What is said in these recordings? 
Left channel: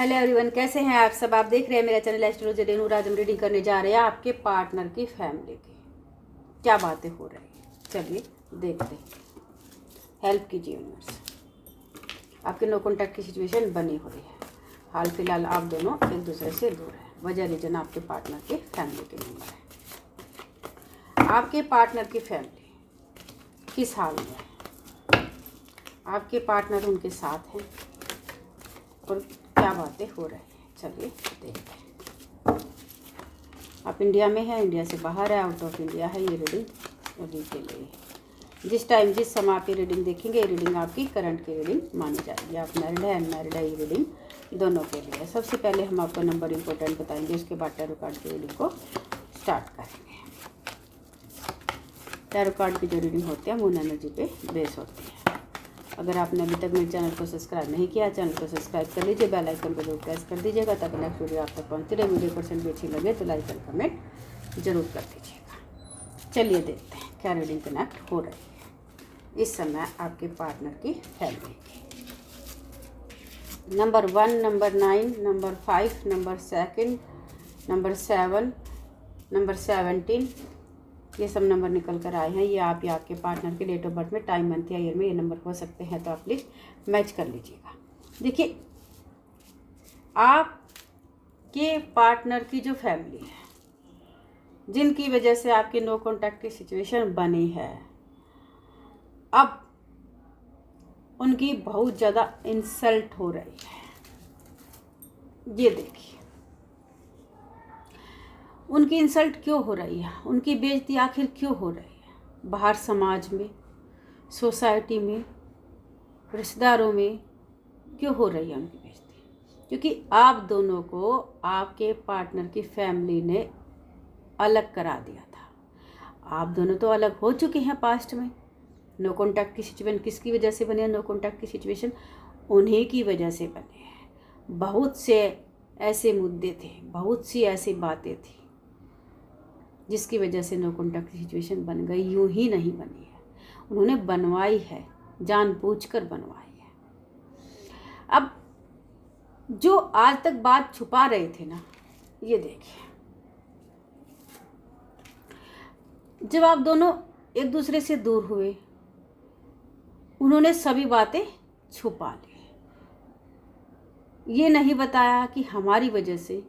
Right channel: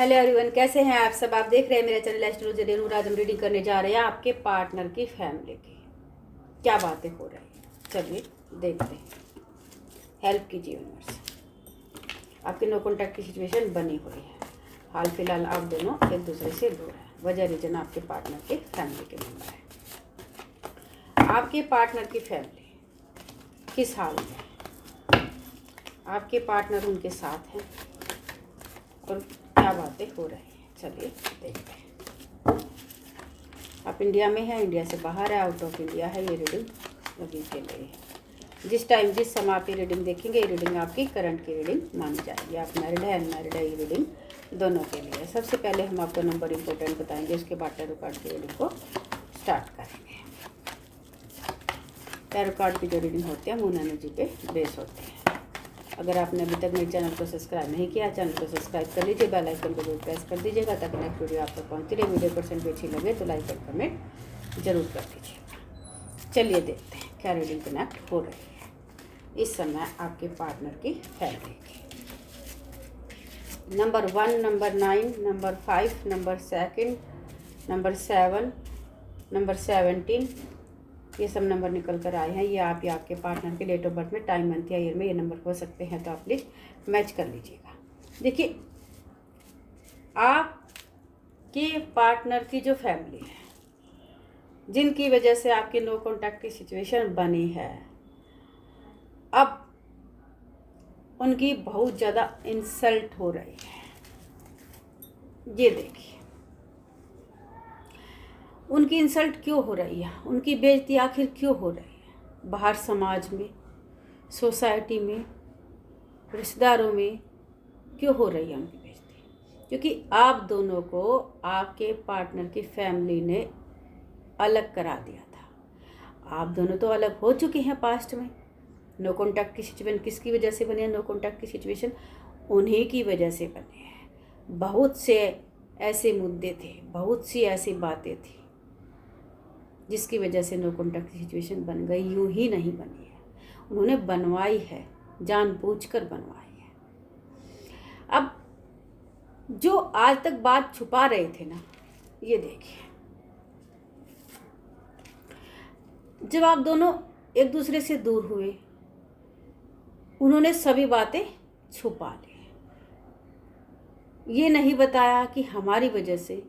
Hello everyone, कैसे हैं आप सब। आप देख रहे हैं मेरा चैनल एस्ट्रोलॉजी रेनू। आज हम रीडिंग करने जा रहे हैं आपके पार्टनर की फैमिली की क्या बातें हो रही हैं। चलिए देखते हैं। हेल्प कीजिए यूनिवर्स। आपके नो कॉन्टैक्ट की सिचुएशन बनी हुई है। हाल फिलहाल आप दोनों एक दूसरे से दूर हैं। वजह रीजन आपके पार्टनर की फैमिली के नंबर है। आपके पार्टनर की फैमिली किस हाल में है, आपके पार्टनर उनके साथ हैं और क्या बातें हो रही हैं। चलिए देखते हैं। आप इंडिया में हैं, इंडिया से बाहर है, आउट ऑफ इंडिया है। ये रीडिंग अभी के लिए है। जिस समय आप ये रीडिंग देखेंगे, ये रीडिंग आपकी करंट की रीडिंग मानी जाएगी। आप मैरिड है अनमैरिड है, ये रीडिंग दोनों के लिए है। सबसे पहले हम आपको नंबर इंपॉर्टेंट बताएंगे, उसके बाद टैरो कार्ड की रीडिंग को स्टार्ट करेंगे। टैरो कार्ड की जो रीडिंग होती है मून एनर्जी पे बेस होती है। अगर आपने अभी तक मेरे चैनल को सब्सक्राइब नहीं किया, चैनल को सब्सक्राइब कर लीजिए, बेल आइकन को जरूर प्रेस कर दीजिएगा ताकि नेक्स्ट वीडियो आप तक पहुँचती रहे। वीडियो परसेंट भी अच्छी लगे तो लाइक और कमेंट जरूर कर दीजिएगा। चलिए देखते हैं क्या रीडिंग कनेक्ट हो रही है इस समय आपके पार्टनर की फैमिली की। Number 1, number 9, number 5, number 2, number 7, number 17, ये सब नंबर निकल कर आए हैं। ये आप या आपके पार्टनर के डेट ऑफ बर्थ में, टाइम, मंथ या ईयर में ये नंबर हो सकते हैं, तो आप प्लीज़ मैच कर लीजिएगा। देखिए, आपके पार्टनर की जो फैमिली है, जिनकी वजह से आपकी नो कॉन्टैक्ट की सिचुएशन बनी है, अब उनकी बहुत ज़्यादा इंसल्ट हो रही है। ये देखिए, उनकी इंसल्ट क्यों हो रही है, उनकी बेइज्जती आखिर क्यों हो रही है। बाहर समाज में, सोसाइटी में, रिश्तेदारों में क्यों हो रही है उनकी बेइज्जती? क्योंकि आप दोनों को आपके पार्टनर की फैमिली ने अलग करा दिया था। आप दोनों तो अलग हो चुके हैं पास्ट में। नो कॉन्टैक्ट की सिचुएशन किसकी वजह से बनी है? नो कॉन्टैक्ट की सिचुएशन उन्हीं की वजह से बनी है। बहुत से ऐसे मुद्दे थे, बहुत सी ऐसी बातें थी जिसकी वजह से नो कॉन्टैक्ट की सिचुएशन बन गई। यूं ही नहीं बनी है, उन्होंने बनवाई है, जानबूझकर बनवाई है। अब जो आज तक बात छुपा रहे थे ना, ये देखिए, जब आप दोनों एक दूसरे से दूर हुए, उन्होंने सभी बातें छुपा ली। ये नहीं बताया कि हमारी वजह से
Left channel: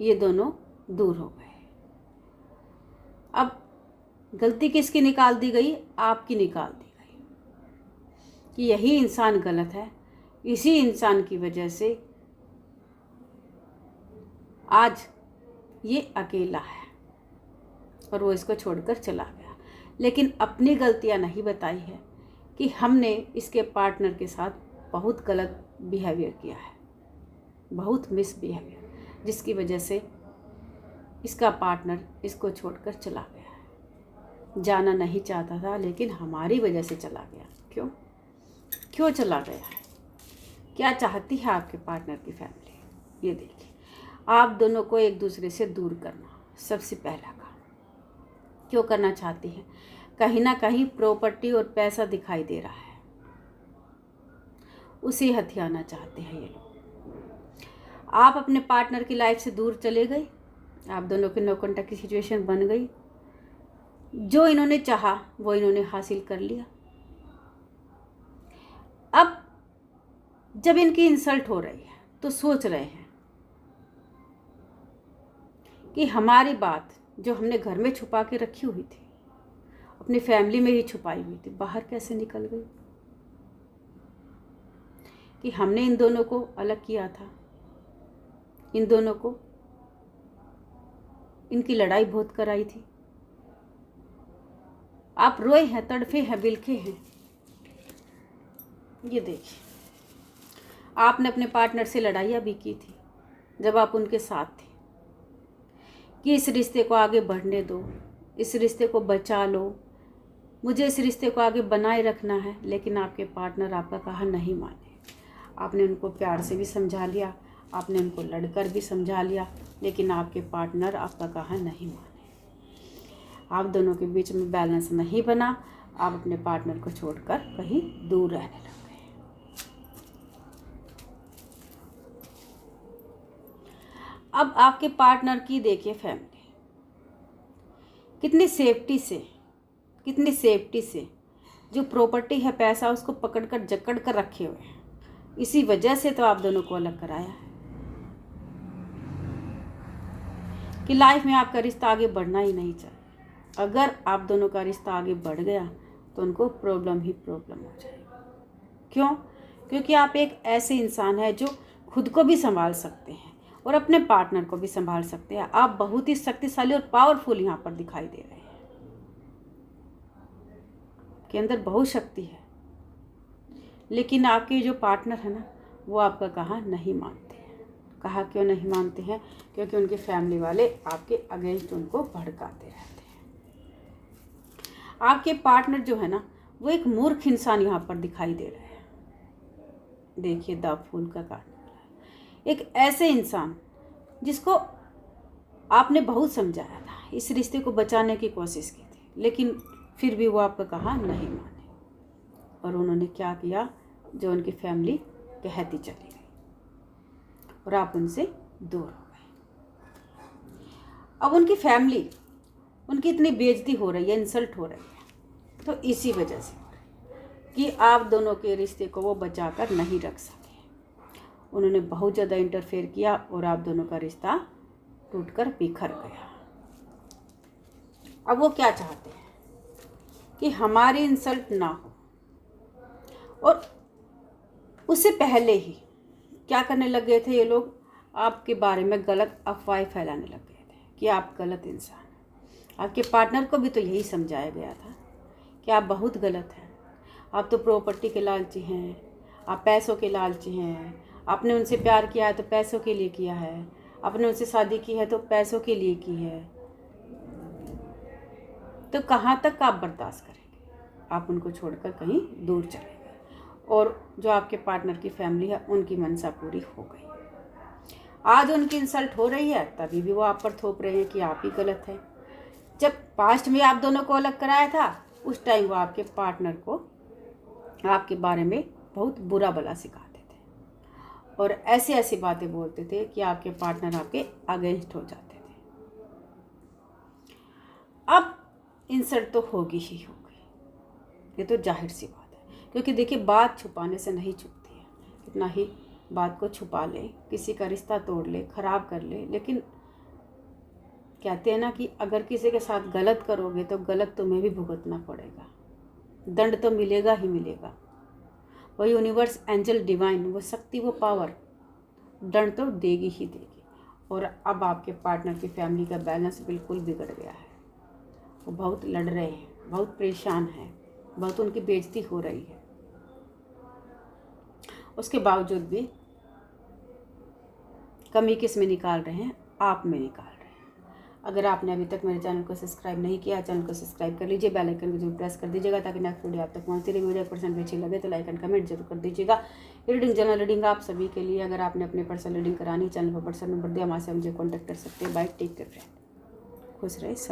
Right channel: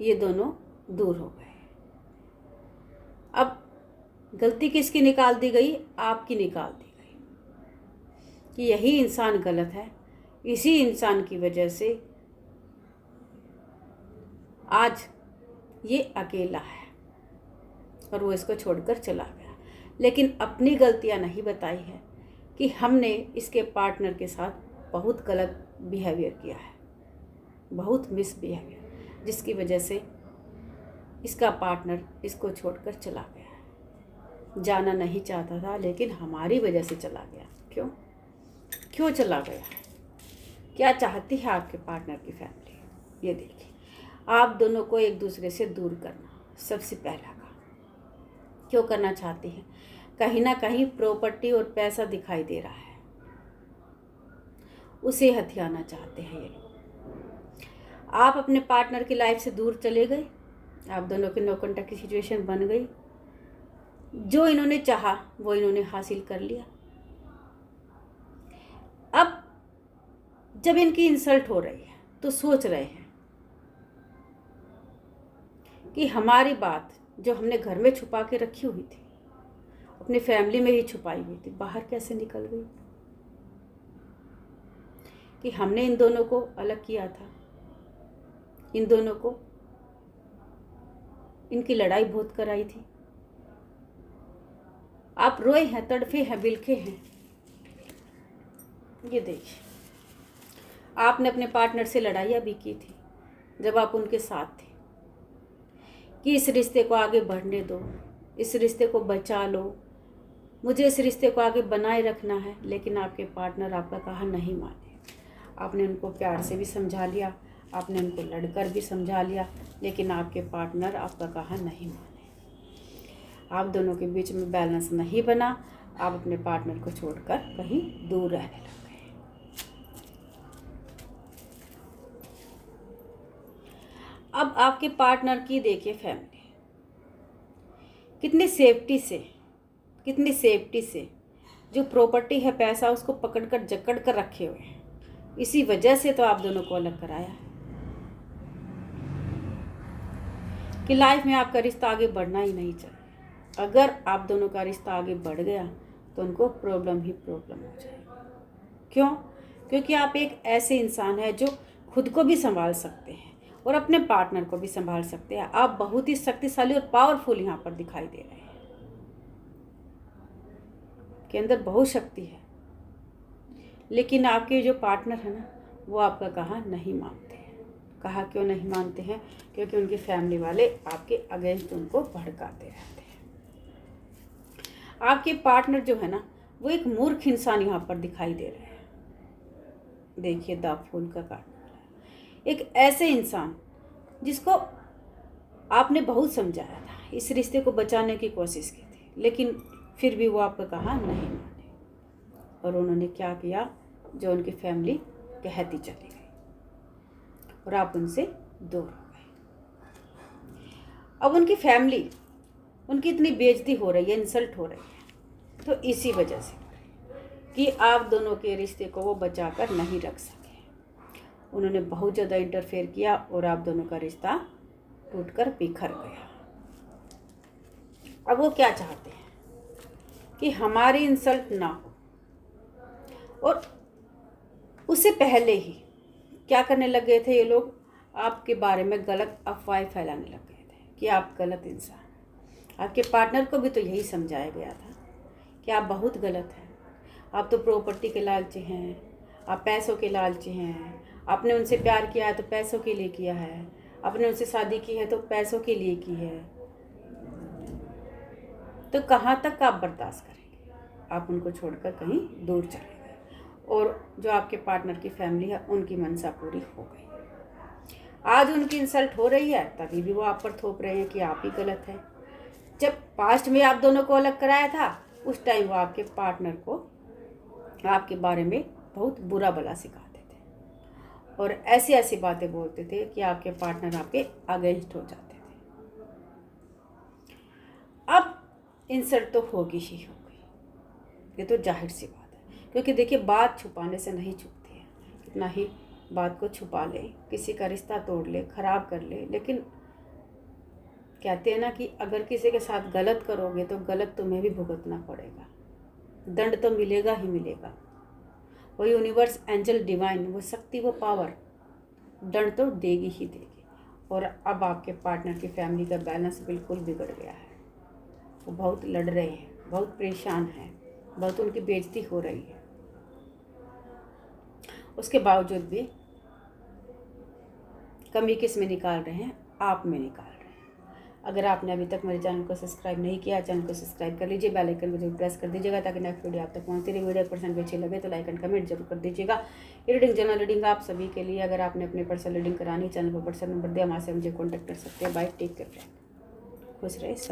ये दोनों दूर हो गए। अब गलती किसकी निकाल दी गई? आपकी निकाल दी गई कि यही इंसान गलत है, इसी इंसान की वजह से आज ये अकेला है और वो इसको छोड़कर चला गया। लेकिन अपनी गलतियां नहीं बताई है कि हमने इसके पार्टनर के साथ बहुत गलत बिहेवियर किया है, बहुत मिसबिहेवियर, जिसकी वजह से इसका पार्टनर इसको छोड़कर चला गया। जाना नहीं चाहता था लेकिन हमारी वजह से चला गया। क्यों चला गया है? क्या चाहती है आपके पार्टनर की फैमिली? ये देखिए, आप दोनों को एक दूसरे से दूर करना सबसे पहला काम। क्यों करना चाहती है? कहीं ना कहीं प्रॉपर्टी और पैसा दिखाई दे रहा है, उसे हथियाना चाहते हैं ये लोग। आप अपने पार्टनर की लाइफ से दूर चले गए, आप दोनों के नो कॉन्टैक्ट की सिचुएशन बन गई। जो इन्होंने चाहा वो इन्होंने हासिल कर लिया। अब जब इनकी इंसल्ट हो रही है तो सोच रहे हैं कि हमारी बात जो हमने घर में छुपा के रखी हुई थी, अपनी फैमिली में ही छुपाई हुई थी, बाहर कैसे निकल गई? कि हमने इन दोनों को अलग किया था, इन दोनों को इनकी लड़ाई बहुत कराई थी। आप रोए हैं, तड़फे हैं, बिलखे हैं। ये देखिए, आपने अपने पार्टनर से लड़ाइयाँ भी की थी जब आप उनके साथ थे कि इस रिश्ते को आगे बढ़ने दो, इस रिश्ते को बचा लो, मुझे इस रिश्ते को आगे बनाए रखना है। लेकिन आपके पार्टनर आपका कहा नहीं माने। आपने उनको प्यार से भी समझा लिया, आपने उनको लड़कर भी समझा लिया, लेकिन आपके पार्टनर आपका कहा नहीं माने। आप दोनों के बीच में बैलेंस नहीं बना। आप अपने पार्टनर को छोड़कर कहीं दूर रहने लग गए। अब आपके पार्टनर की देखिए फैमिली कितनी सेफ्टी से जो प्रॉपर्टी है, पैसा, उसको पकड़ कर जकड़ कर रखे हुए हैं। इसी वजह से तो आप दोनों को अलग कराया है कि लाइफ में आपका रिश्ता आगे बढ़ना ही नहीं चाहिए। अगर आप दोनों का रिश्ता आगे बढ़ गया तो उनको प्रॉब्लम ही प्रॉब्लम हो जाएगा। क्यों? क्योंकि आप एक ऐसे इंसान हैं जो खुद को भी संभाल सकते हैं और अपने पार्टनर को भी संभाल सकते हैं। आप बहुत ही शक्तिशाली और पावरफुल यहाँ पर दिखाई दे रहे हैं, के अंदर बहुत शक्ति है। लेकिन आपके जो पार्टनर है ना, वो आपका कहा नहीं मानते हैं। कहा क्यों नहीं मानते हैं? क्योंकि उनकी फैमिली वाले आपके अगेंस्ट उनको भड़काते रहते हैं। आपके पार्टनर जो है ना, वो एक मूर्ख इंसान यहाँ पर दिखाई दे रहे हैं। देखिए द फूल का कार्ड, एक ऐसे इंसान जिसको आपने बहुत समझाया था, इस रिश्ते को बचाने की कोशिश की थी, लेकिन फिर भी वो आपका कहा नहीं माने और उन्होंने क्या किया, जो उनकी फैमिली कहती चली गई और आप उनसे दूर हो गए। अब उनकी फैमिली, उनकी इतनी बेइज्जती हो रही है, इंसल्ट हो रही है, तो इसी वजह से कि आप दोनों के रिश्ते को वो बचाकर नहीं रख सके। उन्होंने बहुत ज़्यादा इंटरफेयर किया और आप दोनों का रिश्ता टूटकर बिखर गया। अब वो क्या चाहते हैं कि हमारी इंसल्ट ना हो, और उससे पहले ही क्या करने लग गए थे ये लोग, आपके बारे में गलत अफवाहें फैलाने लग गए थे कि आप गलत इंसान हैं। आपके पार्टनर को भी तो यही समझाया गया था कि आप बहुत गलत हैं, आप तो प्रॉपर्टी के लालची हैं, आप पैसों के लालची हैं, आपने उनसे प्यार किया है तो पैसों के लिए किया है, आपने उनसे शादी की है तो पैसों के लिए की है। तो कहाँ तक आप बर्दाश्त करेंगे? आप उनको छोड़कर कहीं दूर चले गए और जो आपके पार्टनर की फैमिली है, उनकी मनसा पूरी हो गई। आज उनकी इंसल्ट हो रही है, तभी भी वो आप पर थोप रहे हैं कि आप ही गलत है। जब पास्ट में आप दोनों को अलग कराया था, उस टाइम वो आपके पार्टनर को आपके बारे में बहुत बुरा भला सिखाते थे और ऐसी ऐसी बातें बोलते थे कि आपके पार्टनर आपके अगेंस्ट हो जाते थे। अब इंसल्ट तो होगी ही होगी, ये तो जाहिर सी बात है, क्योंकि देखिए बात छुपाने से नहीं छुपती है। कितना ही बात को छुपा ले, किसी का रिश्ता तोड़ ले, खराब कर ले, लेकिन कहते हैं ना कि अगर किसी के साथ गलत करोगे तो गलत तुम्हें भी भुगतना पड़ेगा, दंड तो मिलेगा ही मिलेगा। वो यूनिवर्स, एंजल, डिवाइन, वो शक्ति, वो पावर दंड तो देगी ही देगी। और अब आपके पार्टनर की फैमिली का बैलेंस बिल्कुल बिगड़ गया है। वो बहुत लड़ रहे हैं, बहुत परेशान हैं, बहुत उनकी बेइज्जती हो रही है। उसके बावजूद भी कमी किस में निकाल रहे हैं? आप में निकाल रहे हैं। अगर आपने अभी तक मेरे चैनल को सब्सक्राइब नहीं किया, चैनल को सब्सक्राइब कर लीजिए, बेल आइकन को जरूर प्रेस कर दीजिएगा ताकि नेक्स्ट वीडियो आप तक पहुंचती रही। वीडियो 1% भी अच्छी लगे तो लाइक एंड कमेंट जरूर कर दीजिएगा। रीडिंग जनरल रीडिंग आप सभी के लिए। अगर आपने अपनी पर्सनल रीडिंग करानी, चैनल पर पर्सनल नंबर दिया, वहाँ से मुझे कॉन्टैक्ट कर सकते हैं। बाय, टेक केयर फ्रेंड, खुश रहे सब।